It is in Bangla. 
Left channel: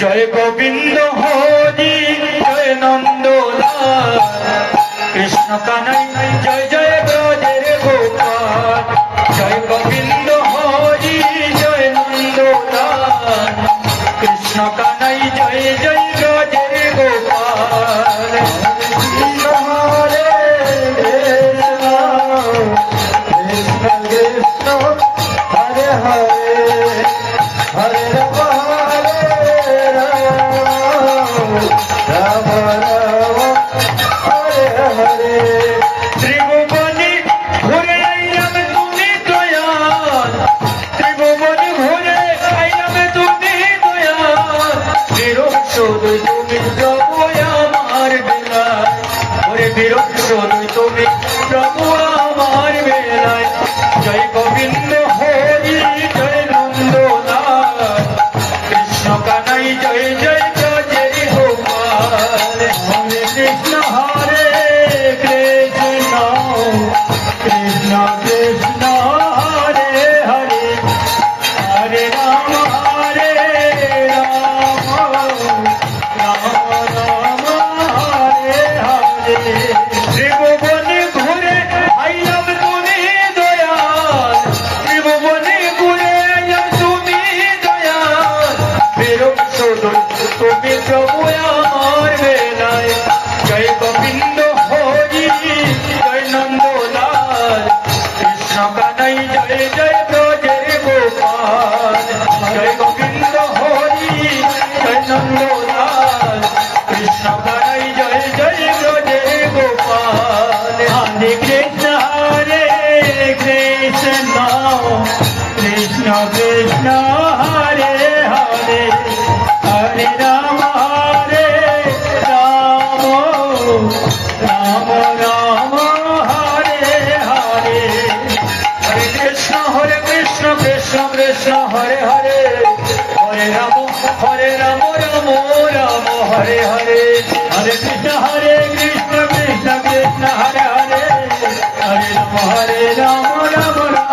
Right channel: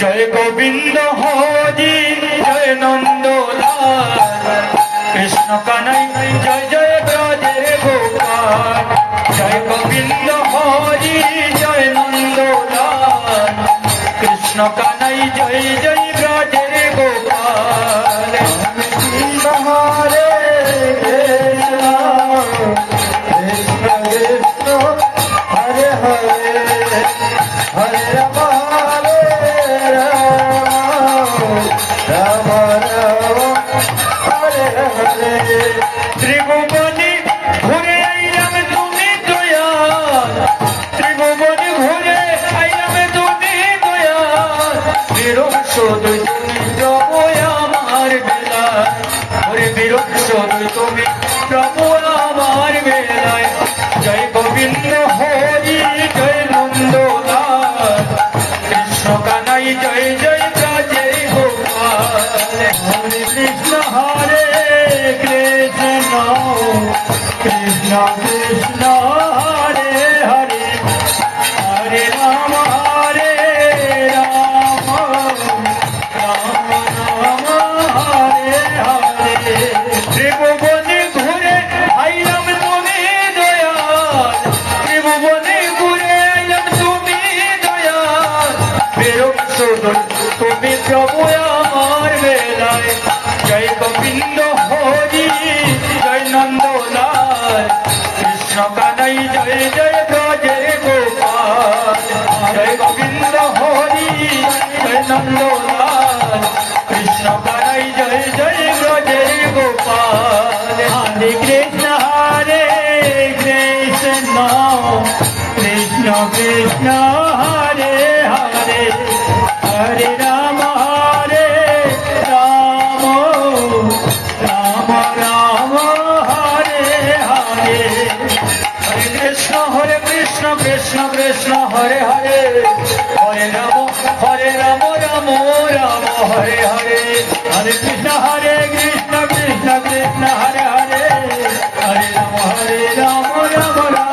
জয় গোবিন্দ হরি জয় নন্দলাল কৃষ্ণ কানাই জয় জয় ব্রজের গোপাল জয় গোবিন্দ হরি জয় নন্দলাল কৃষ্ণ কানাই জয় জয় ব্রজের গোপাল কৃষ্ণ হরে কৃষ্ণ কৃষ্ণ হরে হরে হরে ত্রিভুবনে ঘুরে আইলাম তুমি দয়াল ত্রিভুবনে ঘুরে আইলাম তুমি দয়াল বিরোধ তুমি প্রভু আমার বেলায় ওরে বিরোধ তুমি প্রভু আমার বেলায় জয় গোবিন্দ হরি জয় নন্দলাল কৃষ্ণ কানাই জয় জয় জয় গোপাল হরে কৃষ্ণ হরে কৃষ্ণ কৃষ্ণ কৃষ্ণ হরে হরে হরে রাম রাম রাম হরে হরে ত্রিভুবনে ঘুরে আইলাম তুমি দয়াল ত্রিভুবনে ঘুরে আইলাম তুমি দয়াল বিরোধ তুমি প্রভু আমার বেলায় জয় গোবিন্দ হরি জয় নন্দলাল কৃষ্ণ কানাই জয় জয় ব্রজের গোপাল জয় গোবিন্দ হরি জয় নন্দলাল কৃষ্ণ কানাই জয় জয় ব্রজের গোপাল হরে কৃষ্ণ কৃষ্ণ কৃষ্ণ কৃষ্ণ হরে হরে হরে রাম রাম রাম হরে হরে হরে কৃষ্ণ কৃষ্ণ কৃষ্ণ হরে হরে হরে রাম রাম রাম হরে হরে হরে কৃষ্ণ কৃষ্ণ কৃষ্ণ হরে হরে হরে রাম রাম রাম